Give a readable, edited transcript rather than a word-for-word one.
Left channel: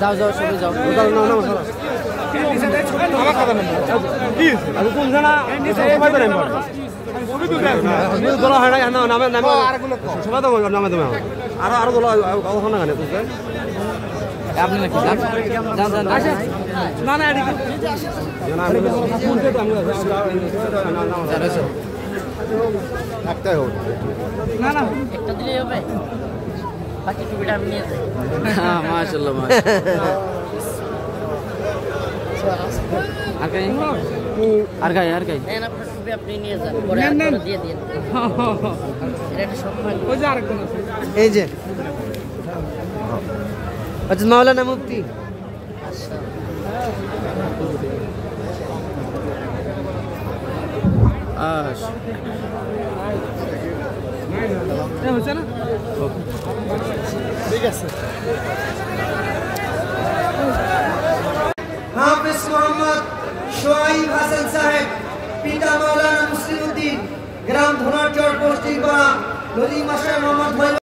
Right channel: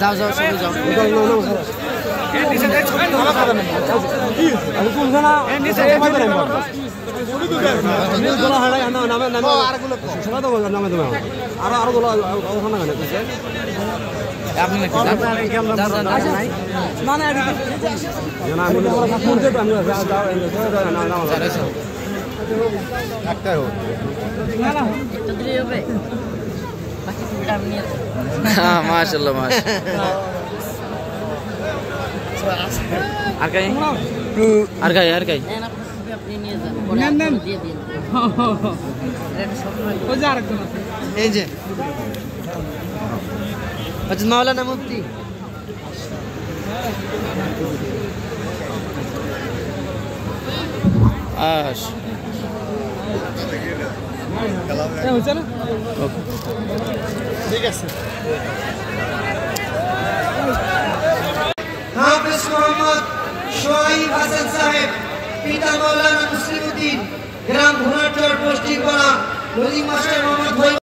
যাও যাও সবাই যাও আপনি নাকি যান যান যান না না মাশাআল্লাহ আর গাই আপনি নিয়ে যান পরে দিয়ে দিন এটা সম্মান এই যে আচ্ছা মাওলানা মুফতি ঠিক আছে হাফেজ মোহাম্মদ শোয়াইব হাসান সাহেব পিতা মাওলানা মুসলিমউদ্দিন গ্রাম ভুনারচর পোস্টিং করা নদী মশাই মোহাম্মদ